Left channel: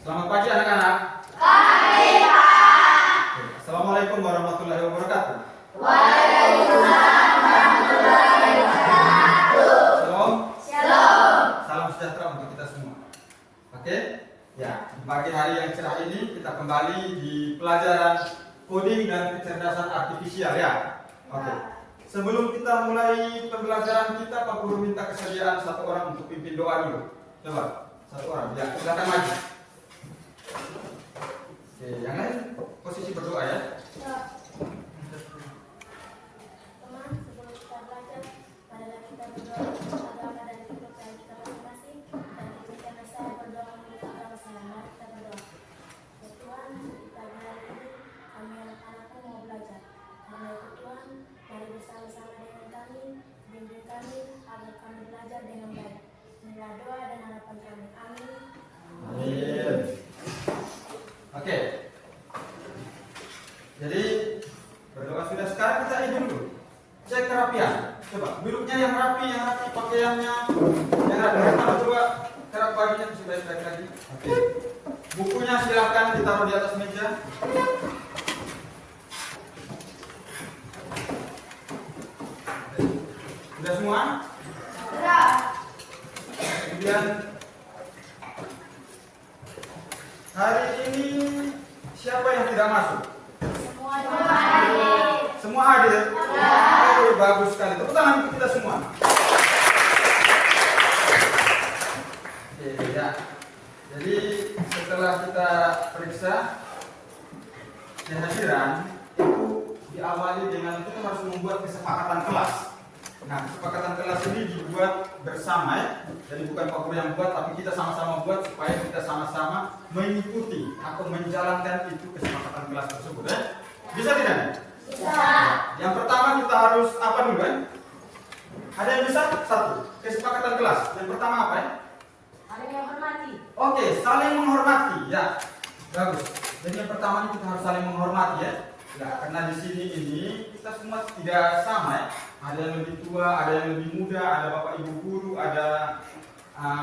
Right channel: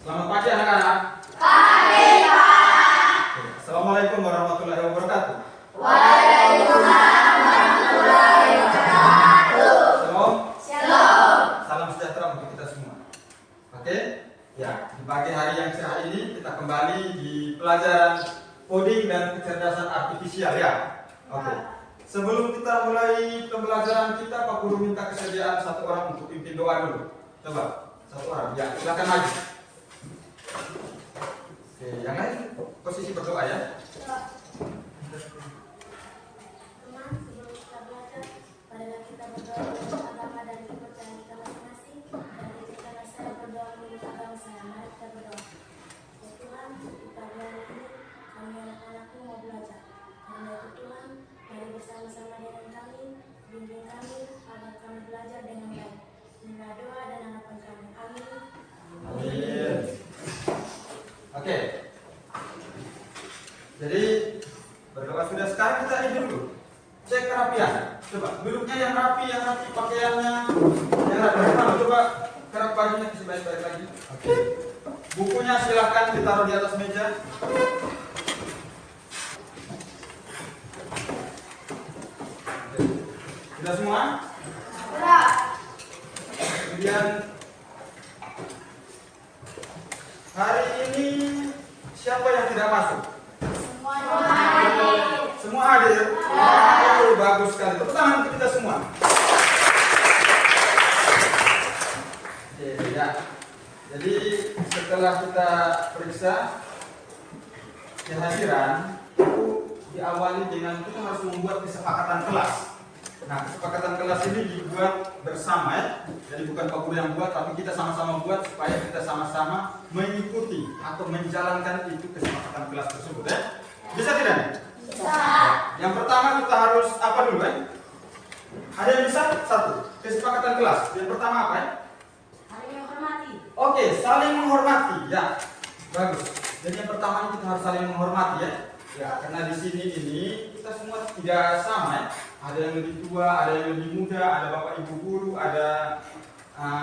Selamat pagi anak-anak. Pagi, Pak. Assalamualaikum warahmatullahi wabarakatuh. Waalaikumsalam warahmatullahi wabarakatuh. Shalom. Shalom. Salam sejahtera untuk kita semua. Oke? Ya, di pagi hari yang cerah ini kita kembali di pelajaran coding dan kecerdasan artifisial ya. Oke. Sebelum kita mulai pembelajaran kita, Pak Guru minta kesediaan satu orang untuk pimpin doa dulu. Coba, satu orang. Ya, silakan maju. Oke, yang lain posisi berdoa ya. Teman, sebelum kita belajar, marilah kita berdoa menurut agama dan kepercayaan kita masing-masing. Dan izinkanlah saya berdoa menurut agama saya. Mari kita berdoa. Ya Tuhan, di pagi hari ini kami anak-anakmu mau belajar. Karena itu Tuhan, mari bersama-sama dengan kami, bimbing kami agar kami belajar dengan baik. Inilah doa dan harapan kami. Amin. Amin. Oke. Jadi berdoa sudah, sekarang kita ini dulu cek kerapian. Coba duduknya yang rapi, pakaiannya yang rapi. Coba kerap bajunya sebaik-baik lagi. Oke. Bukunya silahkan ditaruh di atas meja. Sudah semua? Sudah. Kemudian hari ini siapa yang tidak masuk? Semua hadir? Oh, bagus sekali. Tepuk tangan untuk kita semua. Oke, ya. Jadi setelah kita periksa kehadiran, itu diawali dengan kita harus membuat kesepakatan kelas. Nah, kesepakatan kelas ini dibuat bersama ya. Jadi bukan Pak Guru yang buat, tapi kita sama-sama buat supaya kita sama-sama mengikuti atau menjalankan itu kesepakatan kelas tersebut ya. Bisa tidak? Bisa. Yang pertama kita harus apa dulu kan? Ada yang bisa? Satu, kesepakatan kelas. Yang pertama apa ya? Saling menghormati. Oke, saling menghormati ya. Bagus. Jadi yang pertama kita harus saling menghormati ya. Ya, karena di sini ini kita semua tidak sama ya. Ada yang lebih tua, ada yang lebih muda, ada bapak ibu guru, ada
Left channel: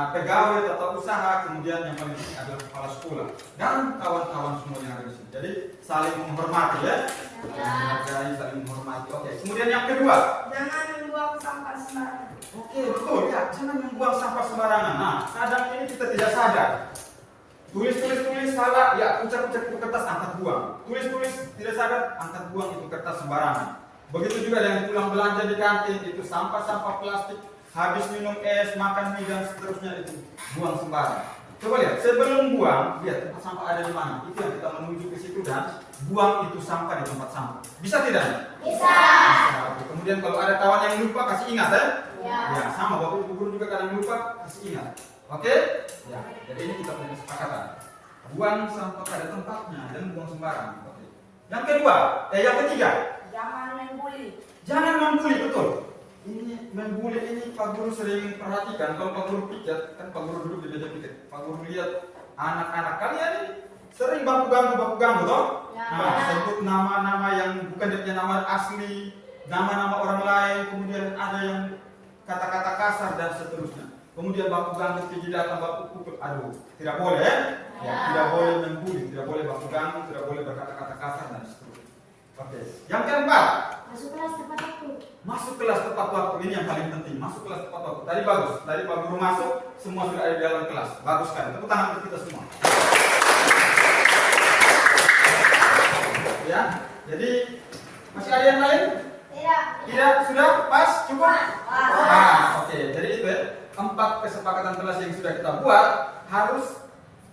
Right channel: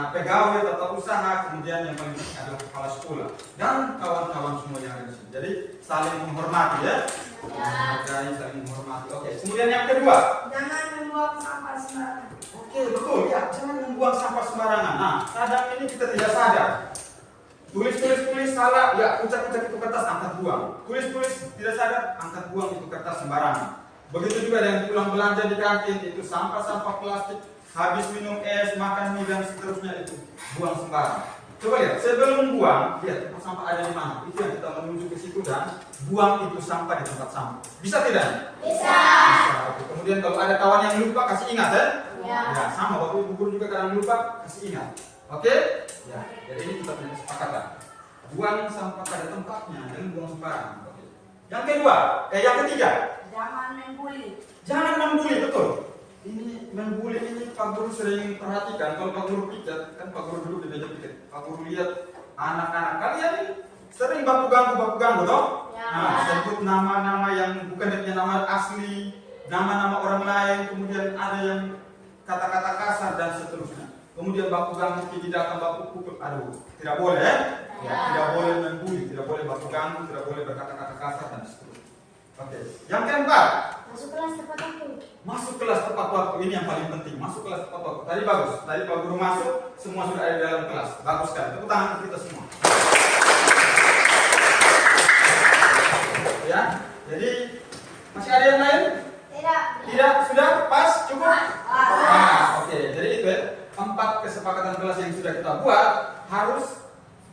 pegawai atau usaha, kemudian yang paling penting adalah kepala sekolah dan kawan-kawan semua yang ada di sini. Jadi saling menghormati ya. Menghargai, saling menghormati. Oke. Kemudian yang kedua. Jangan membuang sampah sembarangan. Oke, betul ya. Jangan membuang sampah sembarangan. Nah, kadang ini kita tidak sadar. Tulis salah, ya ucap-ucap itu kertas angkat buang. Tulis tidak sadar, angkat buang itu kertas sembarangan. Begitu juga dengan pulang belanja di kantin, itu sampah-sampah plastik, habis minum es, makan mie dan seterusnya itu buang sembarang. Coba lihat, sebelum buang, lihat tempat sampah ada di mana. Itu yang kita menuju ke situ dan buang itu sampah di tempat sampah. Bisa tidak? Bisa. Bisa. Oke. Kemudian kalau ada kawan yang lupa, kasih ingat ya. Ya. Ya, sama Bapak Ibu guru juga kadang lupa, kasih ingat. Oke? Ya, jadi ini kita punya kesepakatan. Buang sampah pada tempatnya, jangan buang sembarang. Oke. Yang ketiga. Jangan membuli. Jangan membuli, betul. Ini membuli ini Pak Guru sering perhatikan. Kalau Pak Guru piket, kan Pak Guru duduk di meja piket. Pak Guru lihat anak-anak kalian ini sering baku ganggu toh? Ya. Nah, sebut nama-nama yang bukan dia punya nama asli, nama-nama orang lain, kemudian ada yang kata-kata kasar dan seterusnya. Kemudian baku ganggu, pergi datang baku pukul. Aduh, tidak boleh ya? Ya, tidak boleh membuli, tidak boleh baku ganggu, tidak boleh berkata-kata kasar dan seterusnya. Oke. Yang keempat. Masuk kelas tepat waktu. Masuk kelas tepat waktu, ini yang paling penting. Masuk kelas tepat waktu. Tadi bagus. Tadi Pak Guru masuk, semua sudah ada di dalam kelas. Bagus sekali. Tepuk tangan untuk kita semua. Ya. Jadi masih ada yang lain? Tidak. Tidak? Sudah? Pas? Cukup? Pas. Nah, oke. Jadi itu ya. 4 kesepakatan kelas yang sudah kita buat harus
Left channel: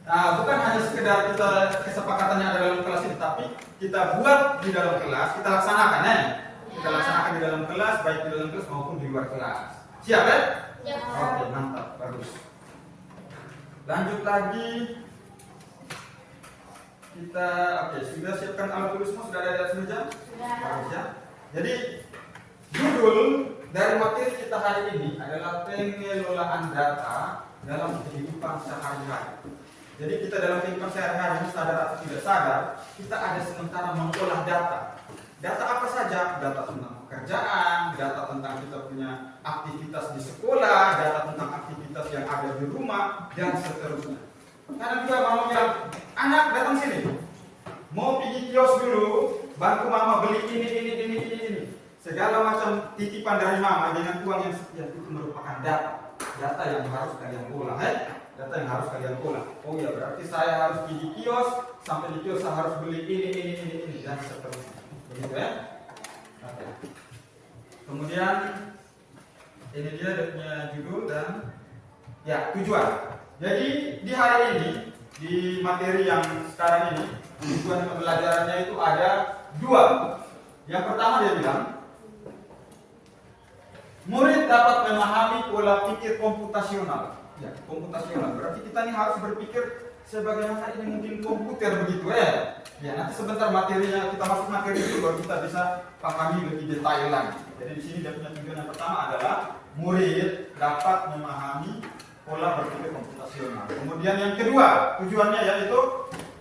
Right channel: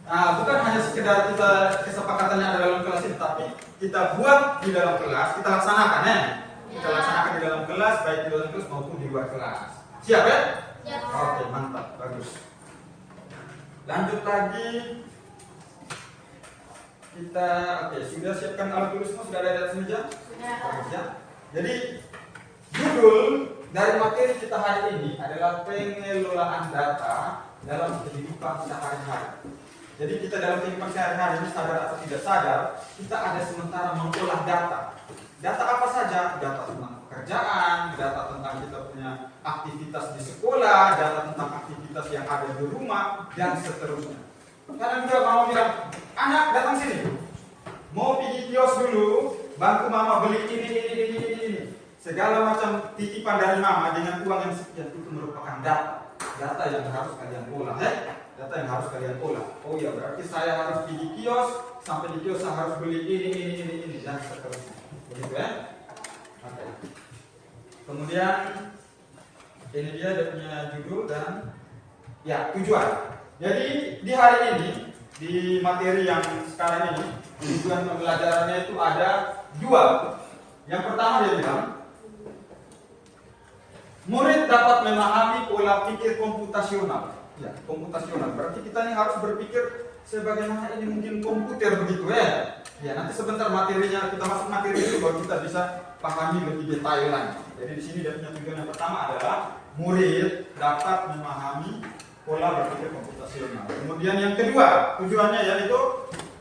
bukan hanya sekedar kita kesepakatannya ada dalam kelas ini, tapi kita buat di dalam kelas, kita laksanakan ya. Kita laksanakan di dalam kelas, baik di dalam kelas maupun di luar kelas. Siap ya? Ya. Oke, mantap, bagus. Lanjut lagi. Kita, sudah siapkan alat tulis semua, sudah ada di atas meja? Sudah. Bagus ya. Jadi judul dari materi kita hari ini adalah pengelolaan data dalam kehidupan sehari-hari. Jadi kita dalam kehidupan sehari-hari ini sadar atau tidak sadar, kita ada sementara mengolah data. Data apa saja? Data tentang pekerjaan, data tentang kita punya aktivitas di sekolah, data tentang aktivitas yang ada di rumah, dan seterusnya. Kadang juga mama bilang, anak datang sini, mau pergi kios dulu, bantu mama beli ini. Segala macam titipan dari mama dengan uang yang sekian itu merupakan data yang harus kalian olah, data yang harus kalian olah. Oh ya, berarti saya harus pergi kios, sampai di kios saya harus beli ini dan seterusnya. Begitu ya? Oke. Kemudian ini dia punya judul dan ya tujuan. Jadi di hari ini di materi yang sekarang ini tujuan pembelajarannya itu ada 2. Yang pertama dia bilang murid dapat memahami pola pikir komputasional. Ya, komputasional. Berarti kita ini harus berpikir sebagaimana ini mungkin komputer begitu ya. Ya, nanti sebentar materinya kita masuk materi itu baru kita bisa pahami lebih detail lagi. Jadi di sini dia punya tujuan yang pertama adalah murid dapat memahami pola berpikir komputasional. Kemudian yang kedua, tujuannya yaitu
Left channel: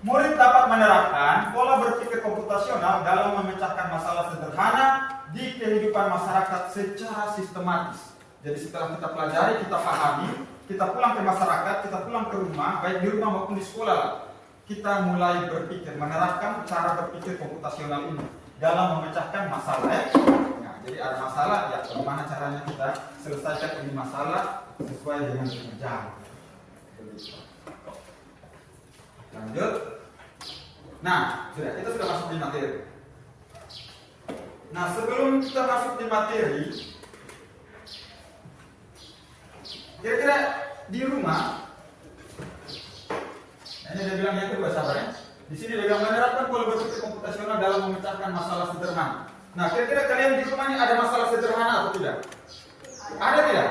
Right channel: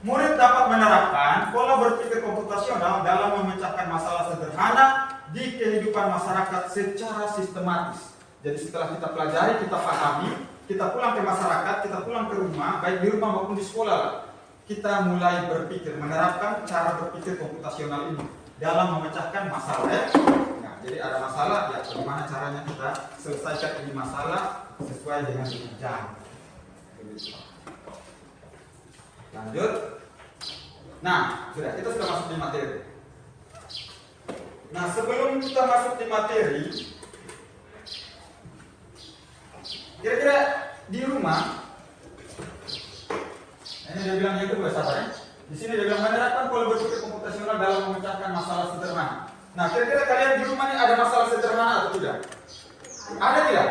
murid dapat menerapkan pola berpikir komputasional dalam memecahkan masalah sederhana di kehidupan masyarakat secara sistematis. Jadi setelah kita pelajari, kita pahami, kita pulang ke masyarakat, kita pulang ke rumah, baik di rumah maupun di sekolah, kita mulai berpikir, menerapkan cara berpikir komputasional ini dalam memecahkan masalah. Nah, jadi ada masalah, ya bagaimana caranya kita selesaikan ini masalah sesuai dengan jam. Lanjut. Nah, kita sudah masuk di materi. Nah, sebelum kita masuk di materi, kira-kira di rumah, ini dia bilang yang kedua, sabar ya. Di sini dia bilang menerapkan pola berpikir komputasional dalam memecahkan masalah sederhana. Nah, kira-kira kalian di rumah ini ada masalah sederhana atau tidak? Ada tidak?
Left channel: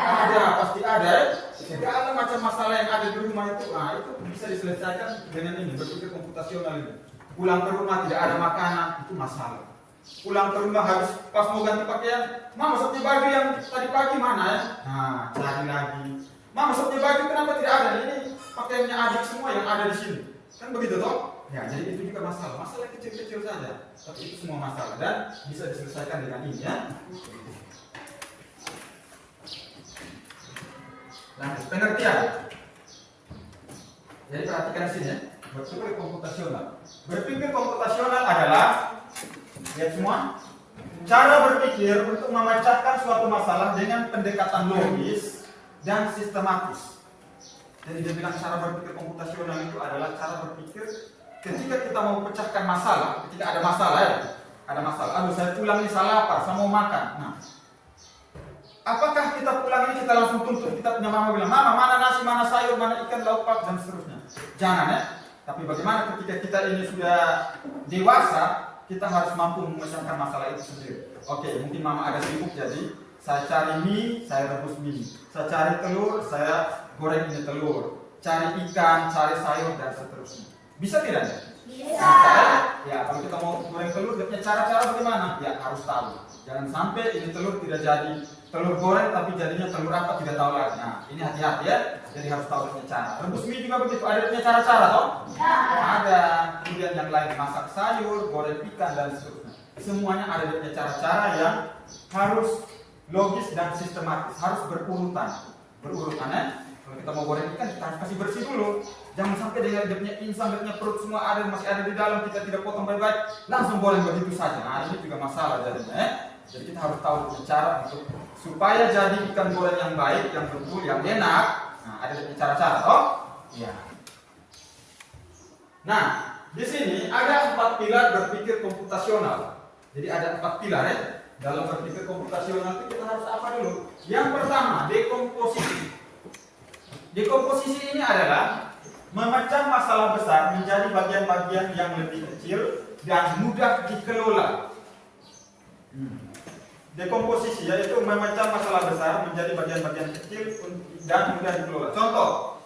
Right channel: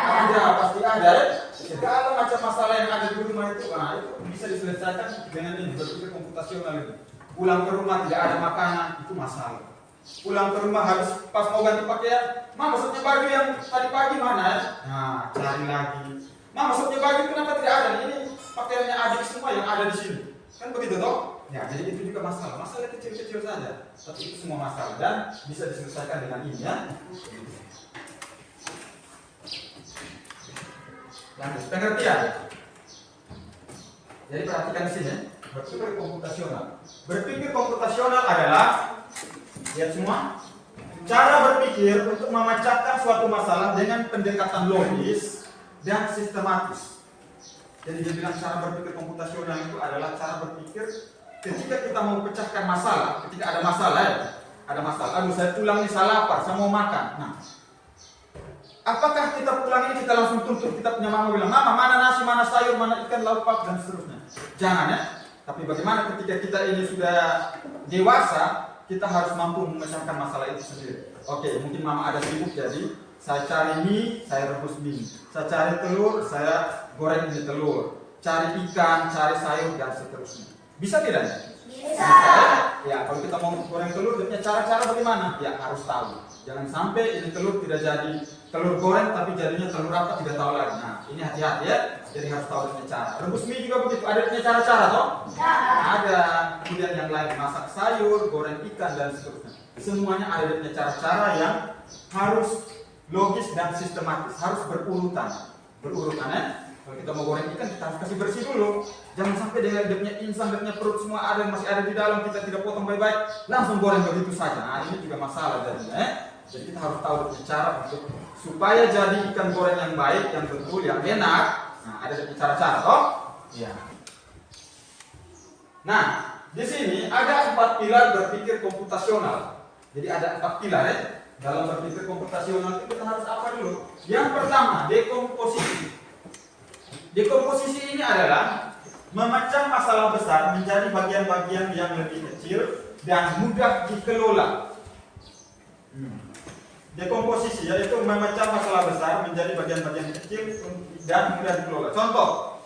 Ada, pasti ada ya. Segala macam masalah yang ada di rumah itu, itu bisa diselesaikan dengan ini berpikir komputasional ini. Pulang ke rumah tidak ada makanan, itu masalah. Pulang ke rumah harus pas mau ganti pakaian, mama sopnya baju yang tadi pagi mana ya? Nah, cari lagi. Mama sopnya baju kenapa tidak ada? Ini pakaiannya adik semua yang ada di sini. Kan begitu toh? Ya, jadi itu juga masalah. Masalah kecil-kecil saja, tapi itu semua masalah dan bisa diselesaikan dengan ini ya. Lanjut, pengertian. Jadi perhatikan di sini, berpikir komputasional. Berpikir komputasional adalah, lihat semua, cara berpikir untuk memecahkan suatu masalah dengan pendekatan logis dan sistematis. Jadi dia bilang cara berpikir komputasional itu adalah cara berpikir ketika kita mau pecahkan masalah, ketika ada masalah ya, ada masalah. Aduh, saya pulang nih salah lapar, saya mau makan. Nah, apakah kita pulang ini kita langsung tuntut, kita punya mama bilang, mama mana nasi, mana sayur, mana ikan, lauk pauk dan seterusnya. Jangan ya. Tapi bagaimana ketika kita ini sudah dewasa, kita harus mampu memecahkan masalah itu sendiri. Oke, mungkin mama ada sibuk jadi saya cari mie, saya rebus mie. Saya cari telur, saya goreng ini telur. Cari ikan, cari sayur dan seterusnya. Bisa tidak? Bisa. Ya, kalau kita mau goreng telur, dia punya cara-cara bagaimana? Ya, harus tahu. Jangan sampai ini telur tidak jadi telur goreng, tapi jadinya telur apa tidak tahu lagi. Nah, ini hati-hati ya. Jadi harus tahu punya cara. Rebus mie juga begitu. Ada punya cara-cara toh? Ya. Ada. Kemudian yang lain masak sayur, goreng ikan dan seterusnya. Semuanya ada punya cara-cara yang harus logis dan sistematis, harus berurutan. Berurutan ya. Kalau kita mau goreng ikan, kita harus kasih bersih dulu. Jangan sampai dia punya insang, dia punya perut semua ada masih ada di dalam, kita tidak potong baik-baik, langsung goreng begitu saja. Nah, ini juga masalah jadinya ya. Jadi kita harus tahu cara untuk supaya jadi ikan goreng yang baik, yang betul, yang enak. Nah, ada cara-cara toh? Iya. Nah, di sini ada 4 pilar berpikir komputasional. Jadi ada 4 pilar ya. Dalam berpikir komputasional itu kita harus apa dulu? Yang pertama, dekomposisi. Dekomposisi ini adalah memecah masalah besar menjadi bagian-bagian yang lebih kecil dan mudah dikelola. Dekomposisi yaitu memecah masalah besar menjadi bagian-bagian kecil dan mudah dikelola. Contoh,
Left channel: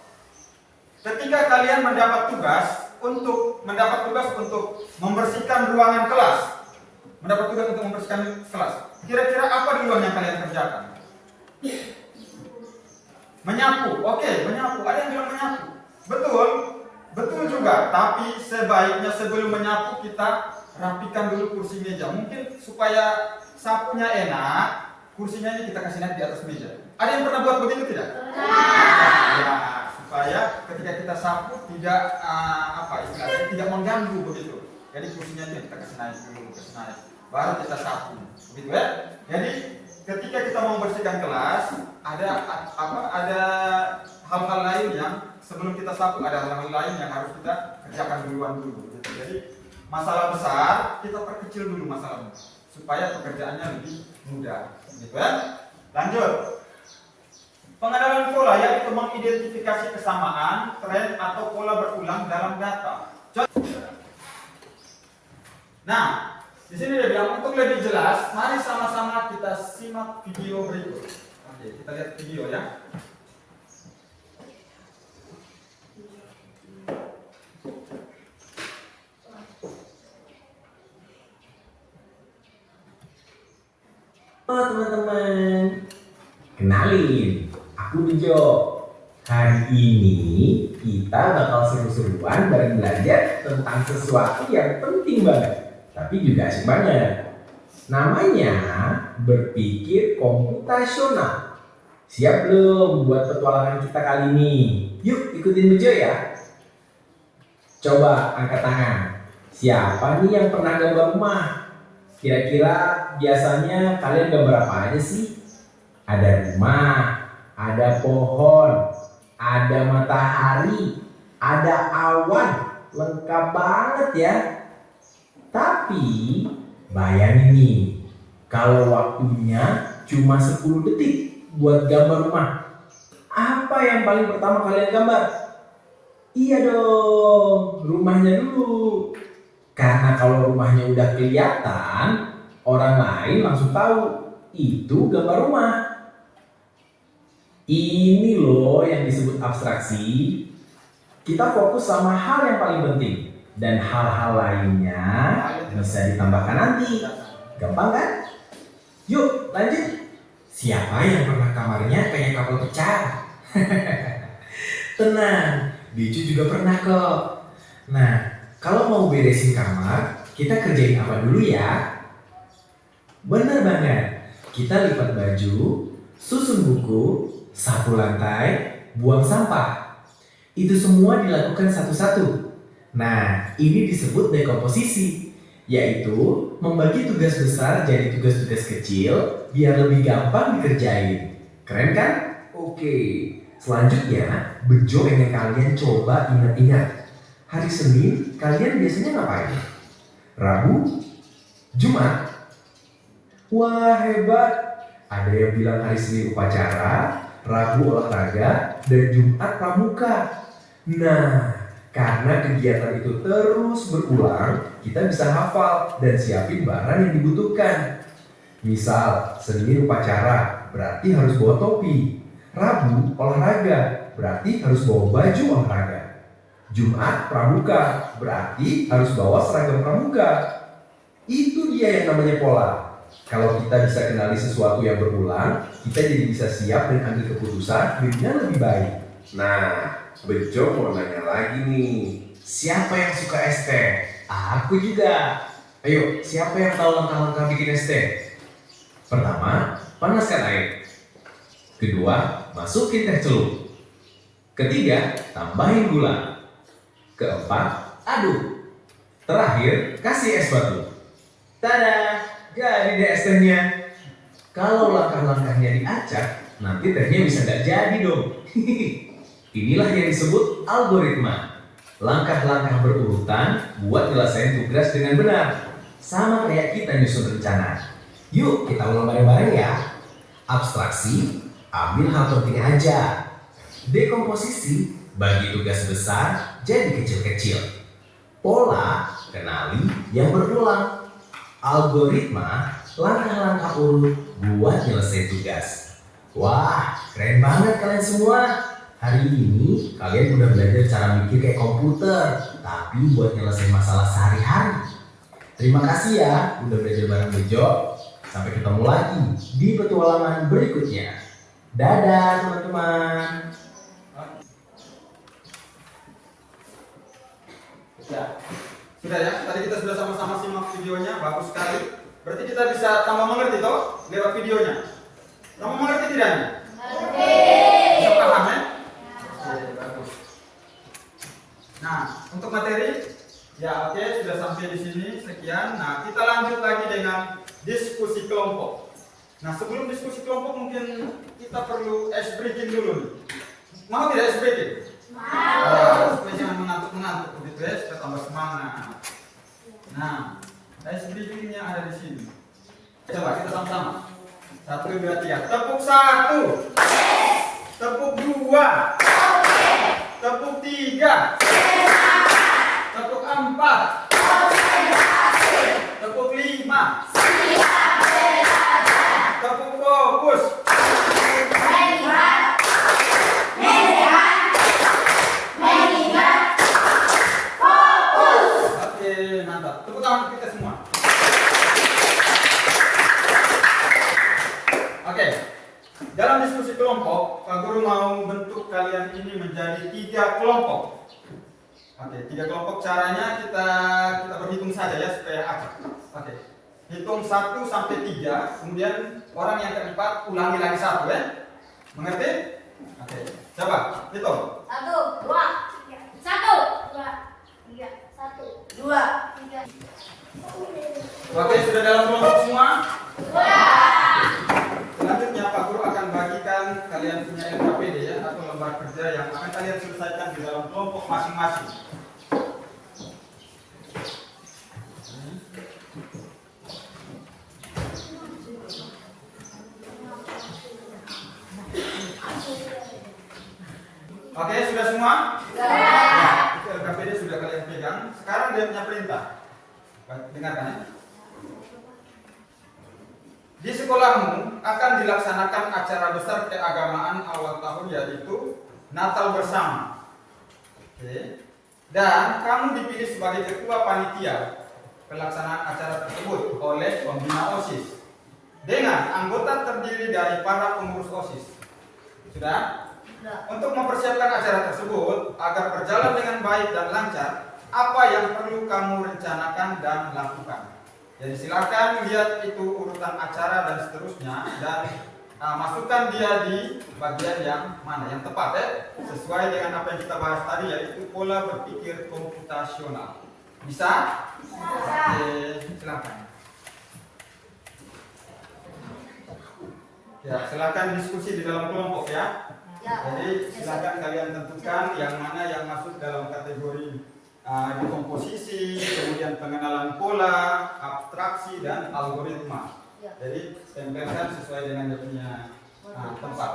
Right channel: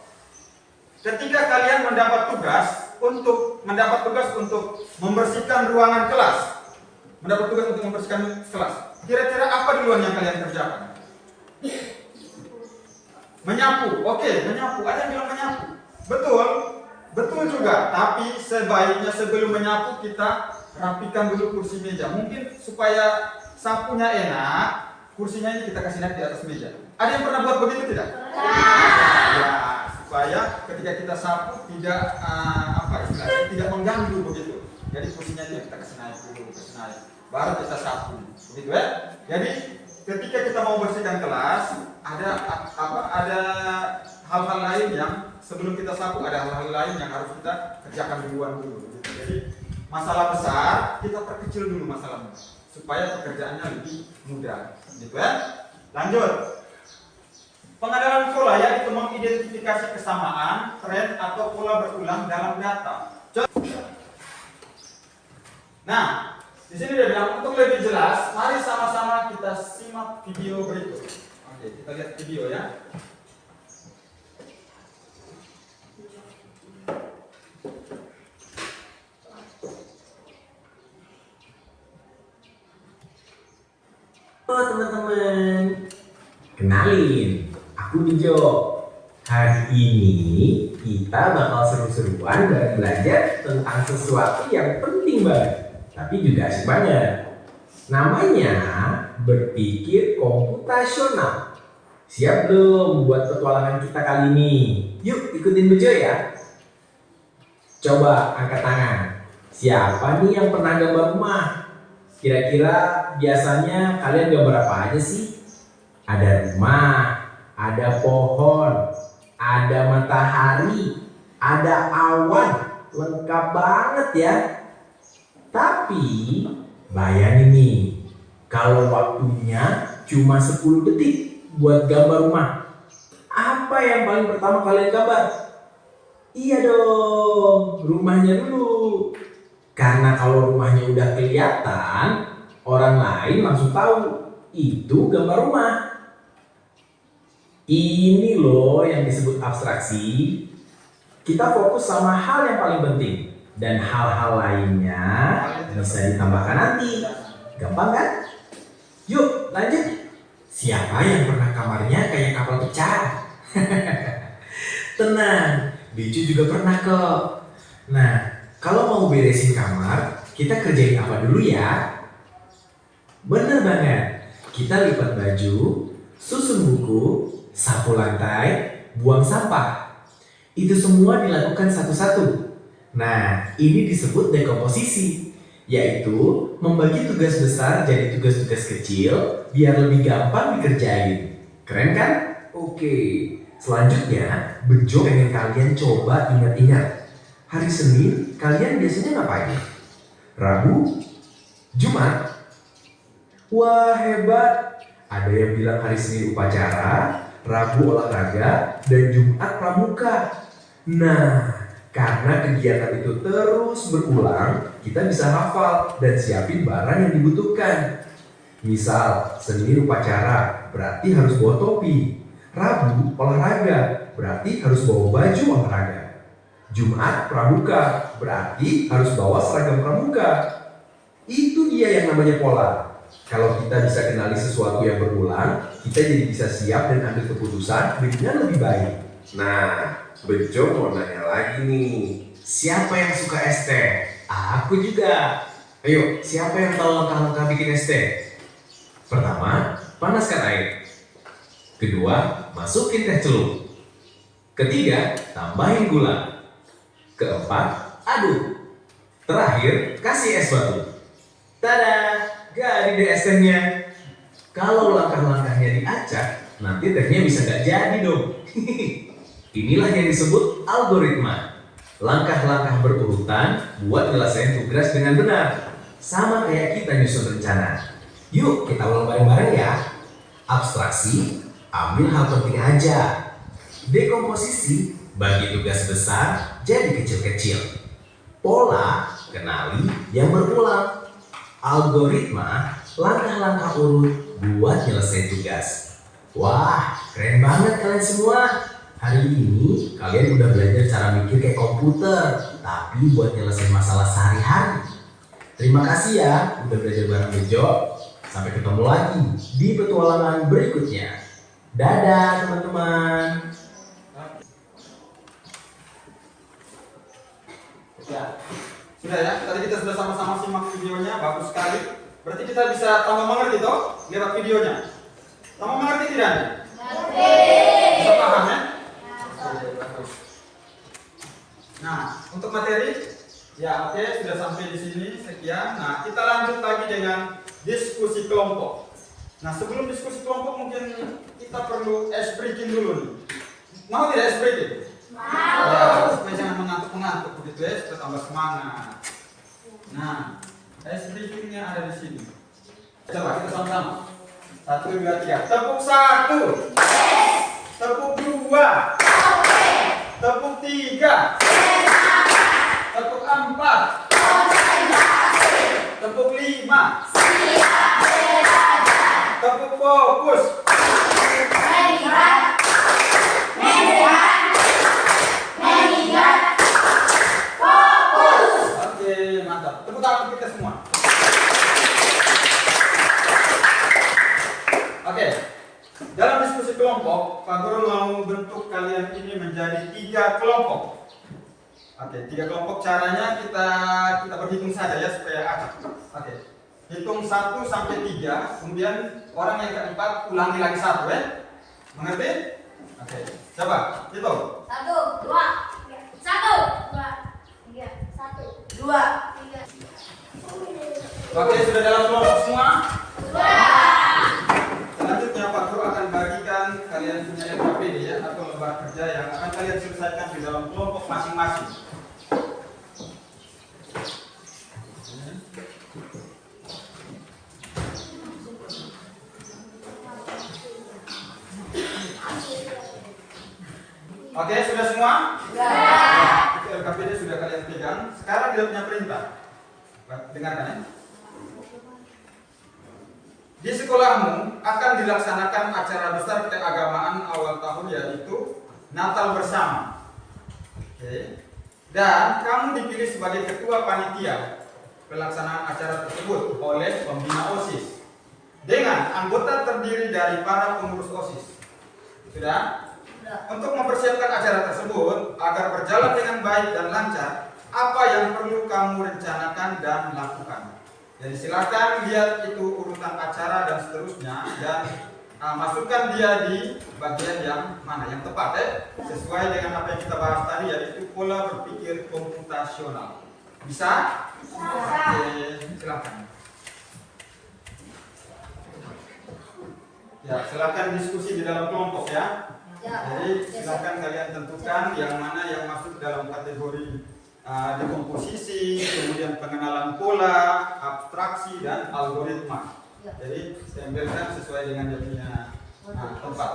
ketika kalian mendapat tugas untuk membersihkan ruangan kelas, kira-kira apa duluan yang kalian kerjakan? Menyapu, oke, menyapu. Ada yang bilang menyapu. Betul juga. Tapi sebaiknya sebelum menyapu kita rapikan dulu kursi meja. Mungkin supaya sapunya enak, kursinya ini kita kasih naik di atas meja. Ada yang pernah buat begitu tidak? Ya, supaya ketika kita sapu tidak istilahnya tidak mengganggu begitu. Jadi kursinya itu kita kasih naik, baru kita sapu, begitu ya. Jadi ketika kita mau bersihkan kelas, ada hal-hal lain yang sebelum kita sapu, ada hal-hal lain yang harus kita kerjakan duluan dulu. Gitu. Jadi masalah besar kita perkecil dulu masalahnya supaya pekerjaannya lebih mudah, gitu ya. Lanjut. Pengenalan pola yaitu mengidentifikasi kesamaan, tren atau pola berulang dalam data. Nah, di sini dia bilang untuk lebih jelas, mari sama-sama kita simak video berikut. Oke, kita lihat video ya. Halo teman-teman, kenalin, aku Bejo. Hari ini kita bakal seru-seruan dan belajar tentang sesuatu yang penting banget, tapi juga asik banget. Namanya berpikir komputasional. Siap belum buat petualangan kita kali ini? Yuk ikutin Bejo ya. Coba angkat tangan. Siapa nih yang pernah gambar rumah? Kira-kira biasanya kalian gambar apa aja sih? Ada rumah, ada pohon, ada matahari, ada awan. Lengkap banget ya. Tapi bayangin nih, kalau waktunya cuma 10 detik buat gambar rumah, apa yang paling pertama kalian gambar? Iya dong, rumahnya dulu. Karena kalau rumahnya udah kelihatan, orang lain langsung tahu itu gambar rumah. Ini loh yang disebut abstraksi. Kita fokus sama hal yang paling penting dan hal-hal lainnya bisa ditambahkan nanti. Gampang kan? Yuk lanjut. Siapa yang pernah kamarnya kayak kapal pecah? Tenang, Bicu juga pernah kok. Nah, kalau mau beresin kamar, kita kerjain apa dulu ya? Bener banget, kita lipat baju, susun buku, sapu lantai, buang sampah. Itu semua dilakukan satu-satu. Nah, ini disebut dekomposisi, yaitu membagi tugas besar jadi tugas-tugas kecil biar lebih gampang dikerjain. Keren kan? Oke, selanjutnya Bejo pengen kalian coba ingat-ingat. Hari Senin kalian biasanya ngapain? Rabu? Jumat? Wah hebat! Ada yang bilang hari Senin upacara, Rabu olahraga, dan Jumat pramuka. Nah, karena kegiatan itu terus berulang, kita bisa hafal dan siapin barang yang dibutuhkan. Misal, Senin upacara, berarti harus bawa topi. Rabu olahraga, berarti harus bawa baju olahraga. Jumat pramuka, berarti harus bawa seragam pramuka. Itu dia yang namanya pola. Kalau kita bisa kenali sesuatu yang berulang, kita jadi bisa siap dan ambil keputusan dengan lebih baik. Nah, Bejo mau nanya lagi nih. Siapa yang suka es teh? Aku juga. Ayo, siapa yang tahu langkah-langkah bikin es teh? Pertama, panaskan air. Kedua, masukin teh celup. Ketiga, tambahin gula. Keempat, aduk. Terakhir, kasih es batu. Tada, jadi deh es tehnya. Kalau langkah-langkahnya diacak, nanti tehnya bisa gak jadi dong. Inilah yang disebut algoritma. Langkah-langkah berurutan buat nyelesain tugas dengan benar. Sama kayak kita nyusun rencana. Yuk kita ulang bareng-bareng ya. Abstraksi, ambil hal penting aja. Dekomposisi, bagi tugas besar jadi kecil-kecil. Pola, kenali yang berulang. Algoritma, langkah-langkah urut buat nyelesain tugas. Wah, keren banget kalian semua. Hari ini kalian udah belajar cara mikir kayak komputer, tapi buat nyelesain masalah sehari-hari. Terima kasih ya udah belajar bareng Bejo. Sampai ketemu lagi di petualangan berikutnya. Dadah teman-teman. Ya, sudah ya. Tadi kita sudah sama-sama simak videonya, bagus sekali. Berarti kita bisa tambah mengerti toh lewat videonya. Tambah mengerti tidak? Bisa paham ya? Oke, bagus. Ya, oke, sudah sampai di sini. Sekian. Nah, kita lanjut lagi dengan diskusi kelompok. Nah, sebelum diskusi kelompok mungkin kita perlu ice breaking dulu nih. Mau tidak ice breaking? Mau. Supaya jangan mengantuk-mengantuk begitu ya, kita tambah semangat. Nah, ice breakingnya ada di sini. Coba kita sama-sama. 1, 2, 3. Tepuk 1. Tepuk 2. Tepuk 3. Tepuk 4. Tepuk 5. Tepuk fokus. Oke, mantap. Tepuk tangan untuk kita semua. Oke. Dalam diskusi kelompok, Pak Guru mau bentuk kalian ini menjadi 3 kelompok. Oke, 3 kelompok. Caranya kita berhitung saja ya supaya acak. Oke. Hitung 1 sampai 3, kemudian orang yang keempat ulangi lagi 1 ya. Mengerti? Oke. Coba hitung. 1, 2, 1, 2, 3, 1, 2, 3. Oke, sudah dalam kelompok semua? Selanjutnya Pak Guru akan bagikan kalian punya LKPD ya, atau lembar kerja yang akan kalian selesaikan di dalam kelompok masing-masing. Oke, sudah semua? Ya, itu LKPD sudah kalian pegang. Sekarang dia punya perintah. Dengarkan ya. Di sekolahmu akan dilaksanakan acara besar keagamaan awal tahun, yaitu Natal bersama. Oke. Dan kamu dipilih sebagai ketua panitia pelaksanaan acara tersebut oleh pembina OSIS dengan anggota terdiri dari para pengurus OSIS. Sudah? Untuk mempersiapkan acara tersebut agar berjalan dengan baik dan lancar, apa yang perlu kamu rencanakan dan lakukan? Jadi silakan lihat itu urutan acara dan seterusnya, dan masukkan dia di bagian yang mana yang tepat ya, sesuai dengan apa yang kita bahas tadi, yaitu pola berpikir komputasional. Bisa? Oke, silakan. Ya, silakan diskusi di dalam kelompok ya. Jadi silakan kalian tentukan yang mana yang masuk dalam kategori dekomposisi, kemudian pengenalan pola, abstraksi, dan algoritma. Jadi tempelkan sesuai dengan dia punya tempat.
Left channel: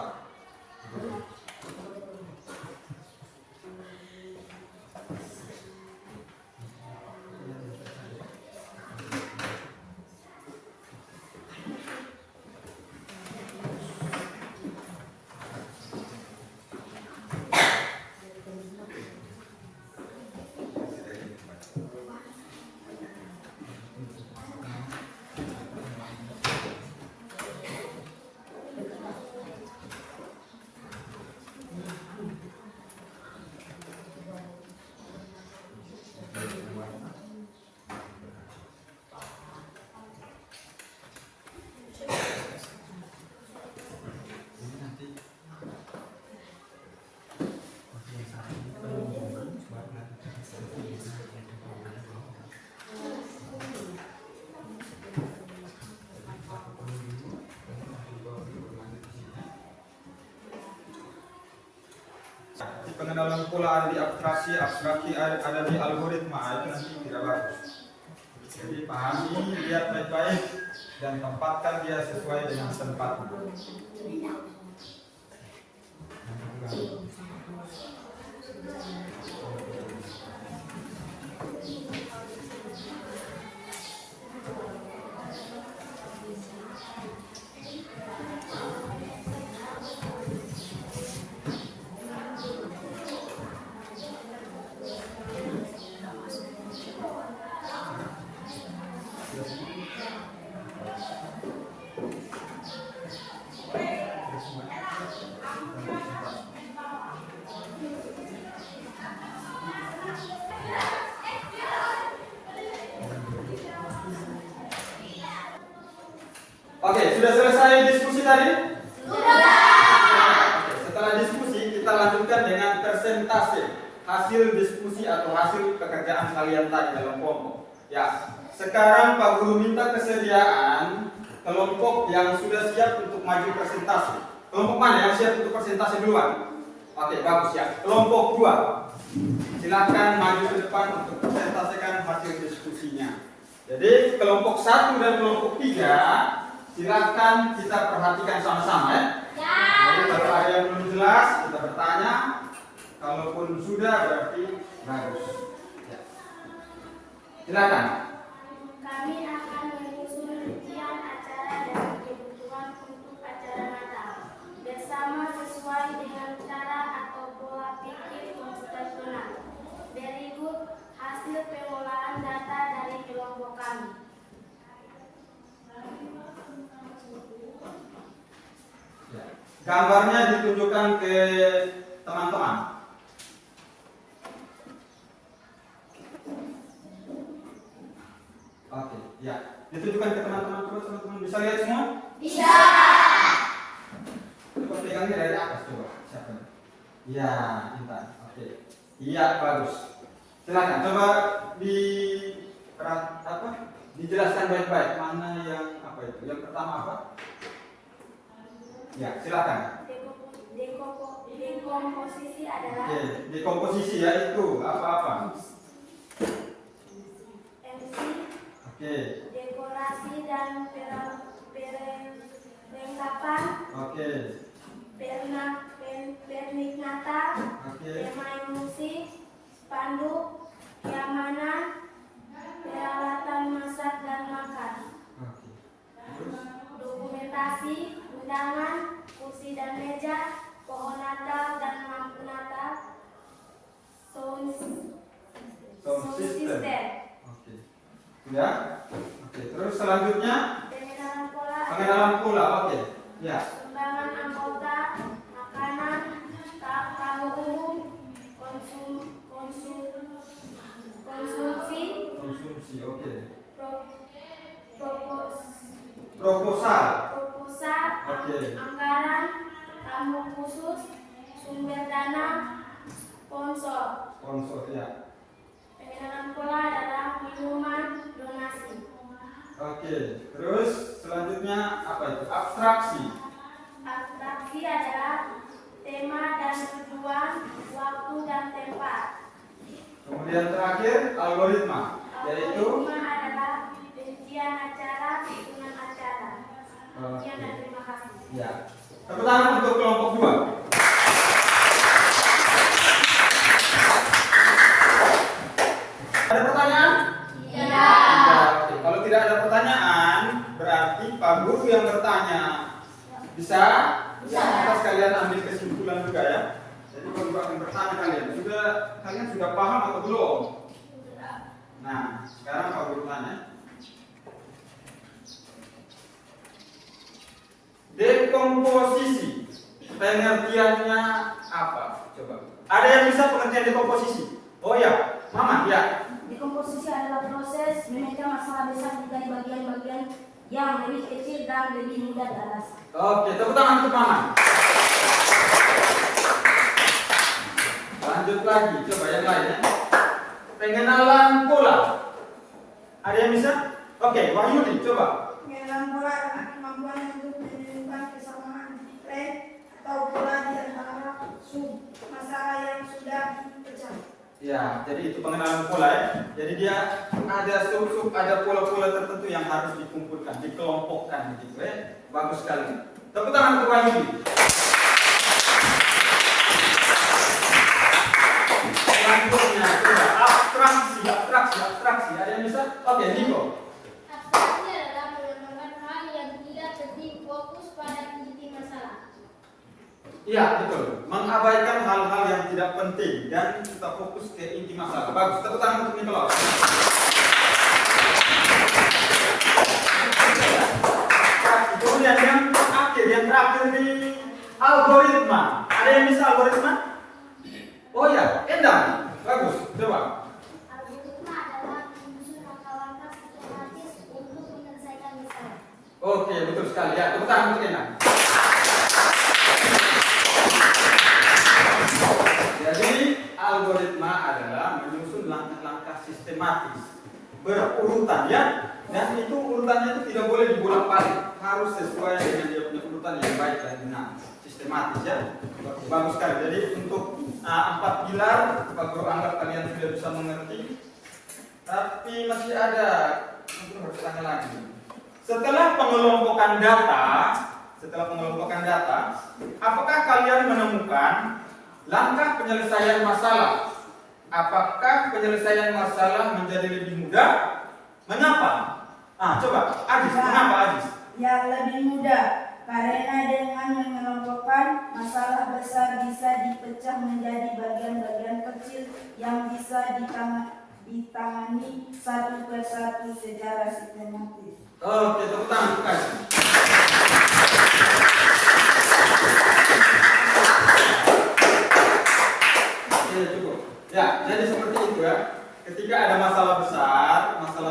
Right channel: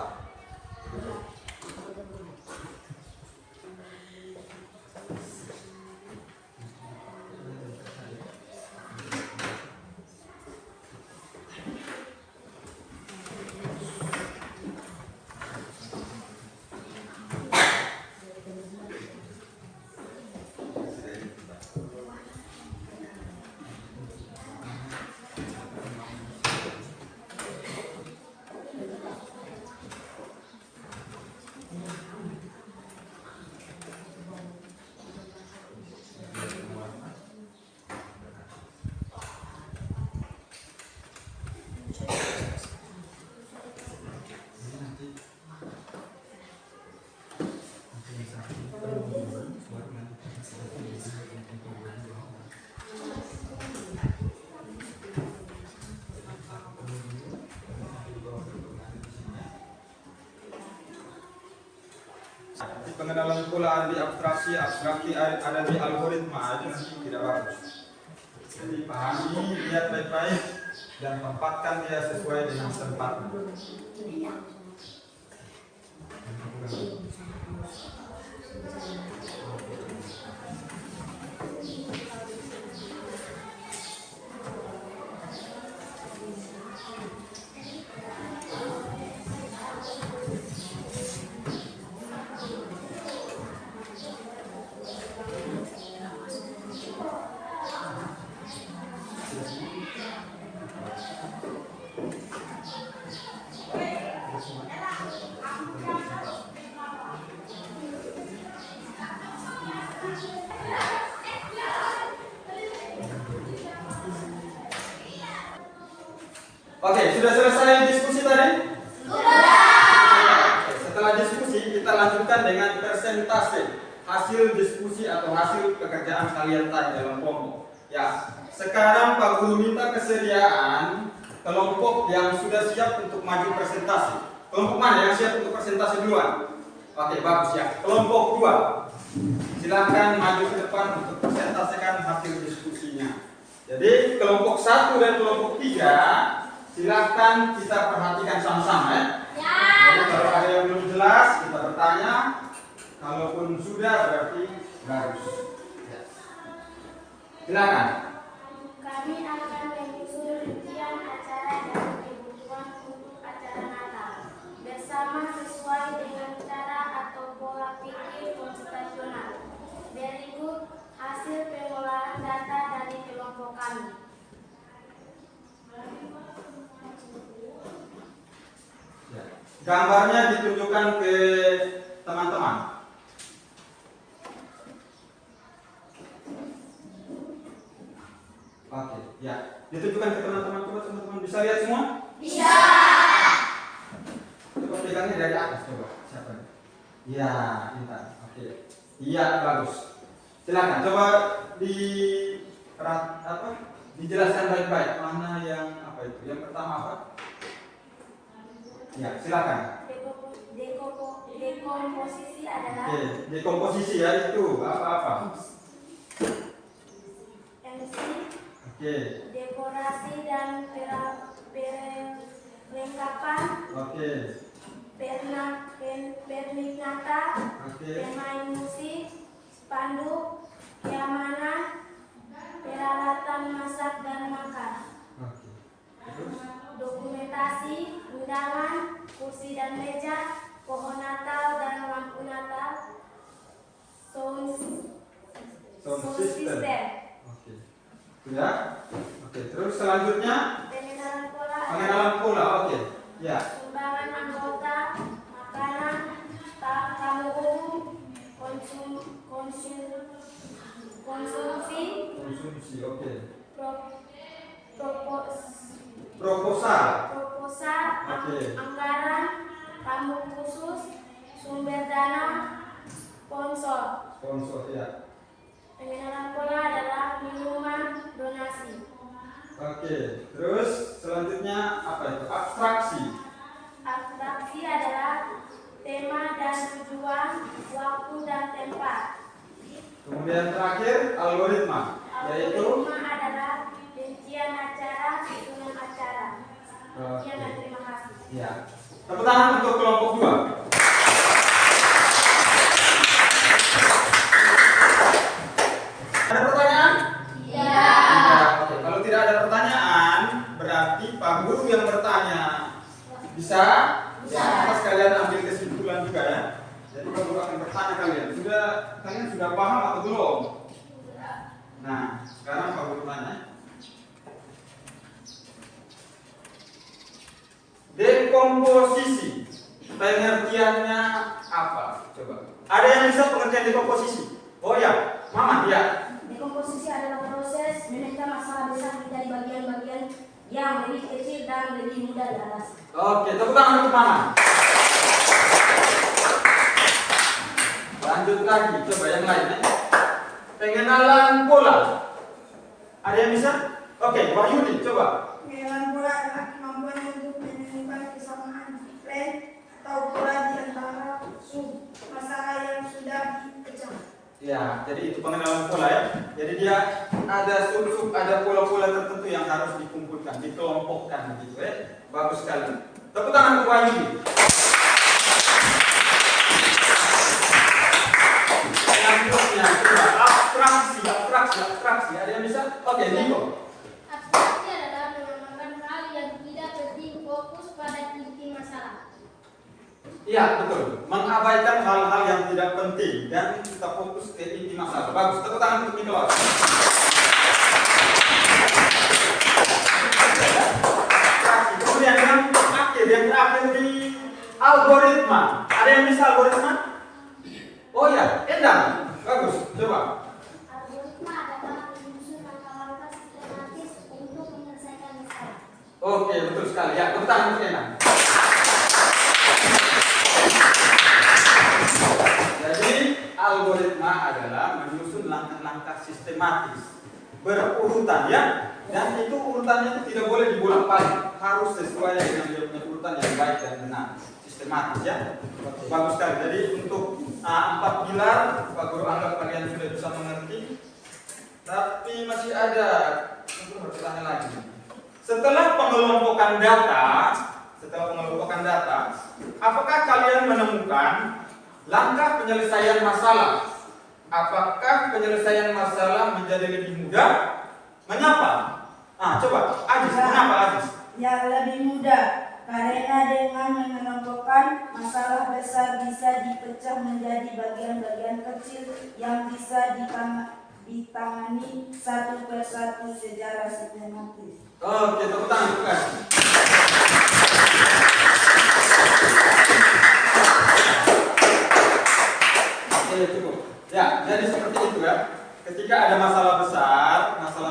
Pengenalan pola ada di abstraksi, abstraksi ada di algoritma, itu nanti tidak bagus. Jadi pahami, lihat baik-baik, dan tempatkan dia sesuai dengan tempatnya. Oke, sudah selesai diskusi tadi? Sudah. Setelah diskusi, kita lanjutkan dengan presentasi. hasil diskusi atau hasil pekerjaan kalian tadi dalam kelompok. Ya, sekarang Pak Guru minta kesediaan kelompok yang sudah siap untuk maju presentasi. Kelompok mana yang siap untuk presentasi duluan? Oke, bagus ya. Kelompok 2. Silakan maju ke depan untuk presentasikan hasil diskusinya. Jadi kelompok 1 dan kelompok 3 silakan kita perhatikan sama-sama ya. Jadi kalau ada yang belum jelas kita bertanya. Kalaupun sudah berarti bagus. Ya. Silakan. Kami akan menyusun rincian acara dan kebutuhan untuk acara Natal bersama sesuai dengan cara atau pola pikir komputasional. Berikut hasil pengolahan data dari kelompok kami. Ya. Gambarnya ditunjukkan ke teman-teman. Oke, ya. Ditunjukkan ke teman-teman. Coba teman-teman bisa lihat semua? Bisa. Coba pegangnya dari atas coba. Siapa? Ya, pintar. Oke. Iya, bagus. Silakan coba dijelaskan baik-baik mana yang apa itu. Yang pertama apa? Ya, silakan. Dekomposisi adalah Oke, dekomposisi ya itu apa-apa? MC, Oke. dekorasi dan perlengkapan, Oke. pernikmata, Oke. pemain musik, spanduk, keamanan, peralatan masak dan makan, Oke. Terus? dokumentasi, undangan, kursi dan meja, pohon Natal dan lampu Natal, sound system, Oke. Sudah? Oke, terus selanjutnya pengenalan pola, pengenalan pola. Oke. Ya. sumbangan anggota, makanan, tamu umum, konsumsi, Konsumsi. Oke. proposal, Oke. anggaran, tamu khusus, sumber dana, sponsor. Sponsor ya. Pengenalan pola adalah minuman donasi. Oke. Terus selanjutnya apa itu? Abstraksi. Abstraksi adalah tema dan tujuan, waktu dan tempat. Kemudian terakhir algoritma, yaitu Algoritma adalah rincian acara, susunan acara. Sekian dan terima kasih. ya. Tepuk tangan untuk kelompok 2. Ada pertanyaan? Iya. Oke. Kalau tidak ada pertanyaan, berarti Pak Guru yang bertanya. Bisa? Bisa. Terus kalian ambil kesimpulan juga ya. Jadi Pak Guru akan bertanya kalian. Kalian sudah paham atau belum? Nah, sekarang Pak Guru tanya. Dekomposisi, pengertiannya apa? Coba. Ada yang bisa pengertian dekomposisi? Oh ya, Mama, ya. Dekomposisi adalah proses memecah masalah besar menjadi bagian-bagian yang lebih kecil dan lebih mudah diatasi. Oke, tepuk tangan untuk Mama. Lanjut lagi, coba yang lain ya. Pengenalan pola. Ada yang bisa? Oke, Wahyudi, coba. Pengenalan pola adalah kemampuan untuk menemukan kesamaan plan atau pola di antara sub masalah yang sudah dipecah. Ya, jadi itu pengenalan pola ya. Jadi dia ada sub-sub, ada pola-pola tertentu yang harus dikumpulkan, dikelompokkan begitu ya. Bagus sekali. Tepuk tangan untuk Wahyudi. Selanjutnya, coba abstraksi. Ada yang bisa? Oke, Niko. Abstraksi adalah mengamalkan hal yang tidak penting, fokus pada inti masalah. Iya, betul. Mengabaikan hal-hal yang tidak penting dan kita fokus ke inti masalah. Bagus. Tepuk tangan untuk Nicholas. Kemudian yang terakhir di algoritma. Ada yang bisa algoritma? Oh ya, Endang. Bagus. Coba. Algoritma adalah menyusun langkah-langkah sistematis untuk menyelesaikan masalah. Oke, betul sekali. Ya, tepuk tangan untuk Endang. Jadi algoritma menyusun langkah-langkah sistematis berurutan ya, dan itu urutannya itu tidak boleh dibolak-balik, harus sesuai dengan dia punya urutan yang baik dan benar, sistematis ya. Bagus sekali. Jadi untuk 4 pilar Pak Guru anggap kalian sudah bisa mengerti, tapi masih ada mungkin harus tanya lagi. Setelah pengelompokan data, apakah kalian menemukan langkah penyelesaian masalah? Apakah penyelesaian masalah menjadi lebih mudah? Mengapa? Coba Ajis, mengapa Ajis? Yang lebih mudah karena dengan mengelompokkan masalah besar bisa dipecah menjadi bagian-bagian kecil yang bisa ditangani satu persatu secara sistematis. Oke, tepuk tangan, tepuk tangan. Oke, cukup. Ya, jadi seperti itu ya. Ketika ada masalah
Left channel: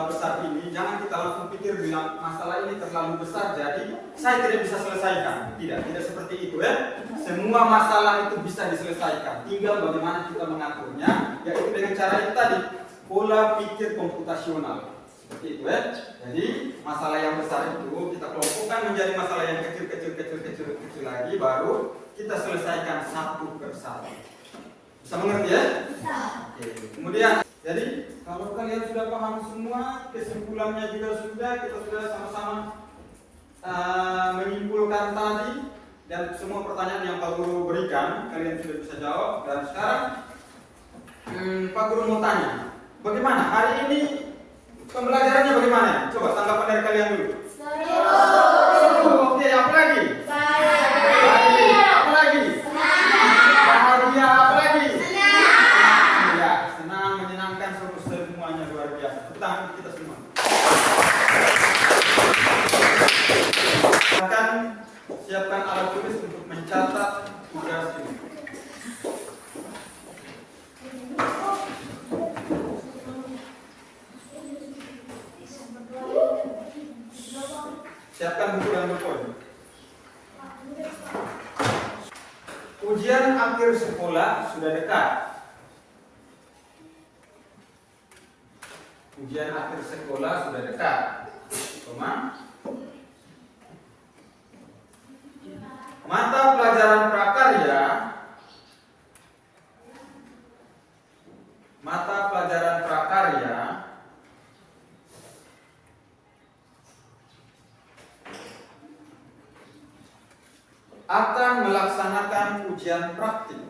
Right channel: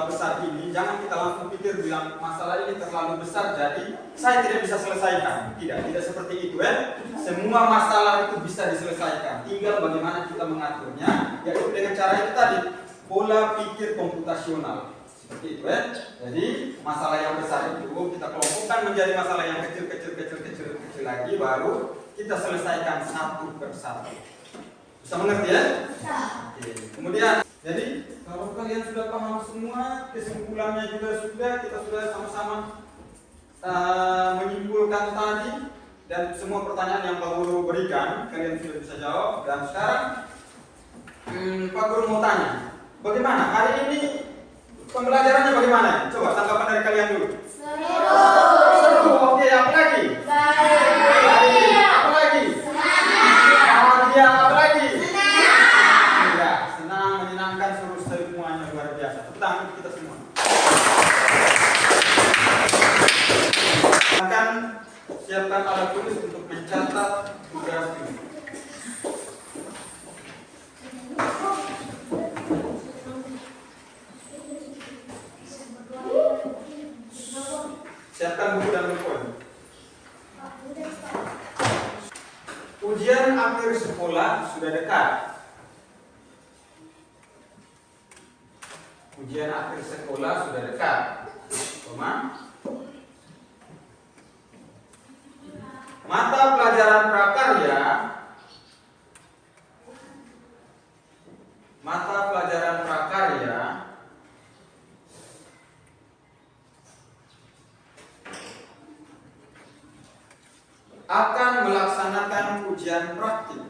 besar ini jangan kita langsung pikir bilang masalah ini terlalu besar jadi saya tidak bisa selesaikan. Tidak seperti itu ya. Semua masalah itu bisa diselesaikan. Tinggal bagaimana kita mengaturnya, yaitu dengan cara itu tadi, pola pikir komputasional. Seperti itu ya. Jadi masalah yang besar itu kita kelompokkan menjadi masalah yang kecil lagi, baru kita selesaikan satu persatu. Bisa mengerti ya? Oke. Kemudian, jadi kalau kalian sudah paham semua, kesimpulannya juga sudah, kita sudah sama-sama menyimpulkan tadi, dan semua pertanyaan yang Pak Guru berikan kalian sudah bisa jawab. Dan sekarang Pak Guru mau tanya, bagaimana hari ini pembelajarannya bagaimana? Coba tanggapan dari kalian dulu. Seru. Oke, apa lagi? Baik. Apa lagi? Bahagia. Apa lagi? Ya, senang, menyenangkan, seru, semuanya luar biasa. Tepuk tangan kita semua. Akan siapkan alat tulis untuk mencatat tugas ini. Siapkan buku dan buku. Ujian akhir sekolah sudah dekat. Ujian akhir sekolah sudah dekat. Mata pelajaran prakarya akan melaksanakan ujian praktik.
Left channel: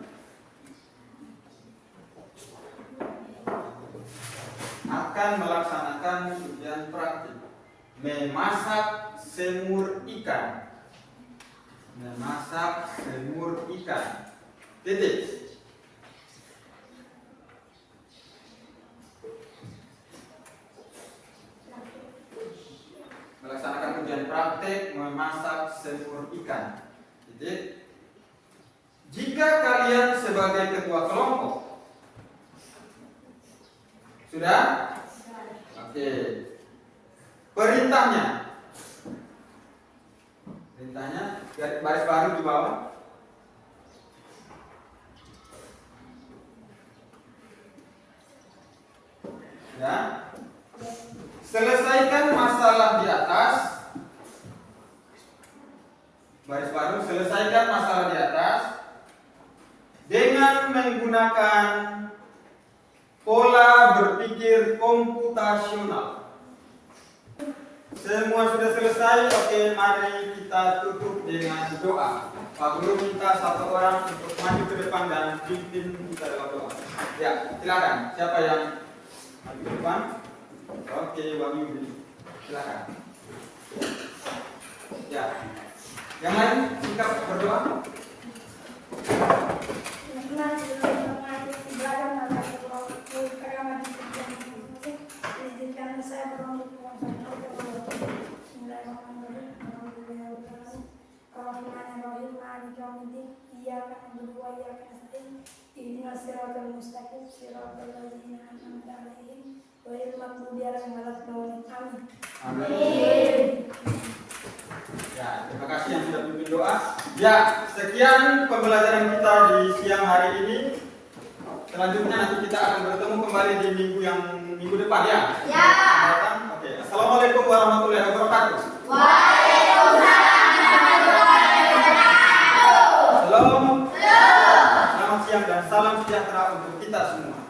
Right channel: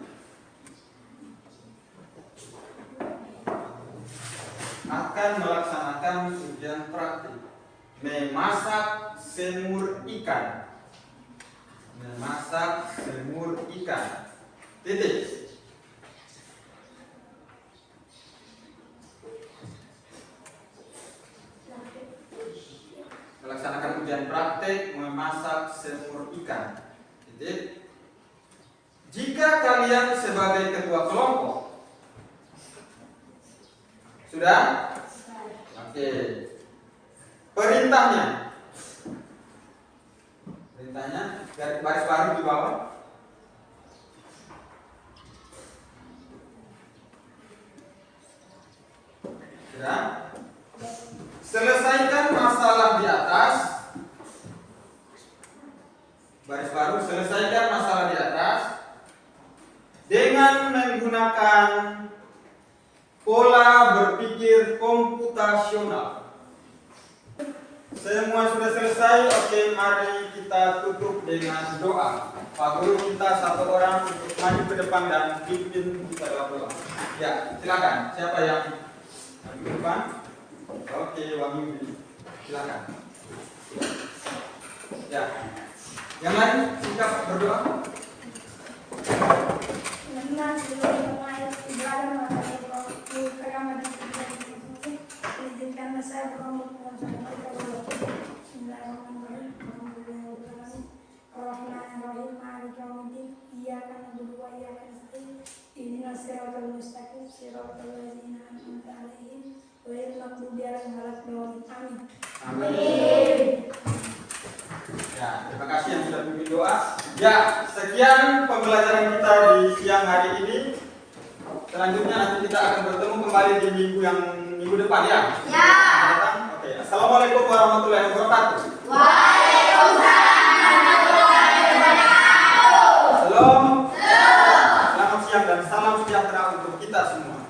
Memasak semur ikan. Titik. Melaksanakan ujian praktik memasak semur ikan. Titik. Jika kalian sebagai ketua kelompok sudah? Oke. Perintahnya garis baru di bawah. Sudah? Selesaikan masalah di atas. Baris baru, selesaikan masalah di atas dengan menggunakan pola berpikir komputasional. Semua sudah selesai. Oke, mari kita tutup dengan doa. Pak Guru minta satu orang untuk maju ke depan dan pimpin kita dalam doa. Ya, silakan. Siapa yang maju ke depan? Oke, Wahyu, silakan. Ya. Yang lain singkat berdoa. Izinkan saya Ya, terima kasih yang sudah pimpin doa. Ya, sekian pembelajaran kita di siang hari ini. Selanjutnya nanti kita akan bertemu kembali. kembali di minggu depan ya? Ya. Oke. Assalamualaikum warahmatullahi wabarakatuh. Waalaikumsalam warahmatullahi wabarakatuh. Shalom. Selamat siang dan salam sejahtera untuk kita semua.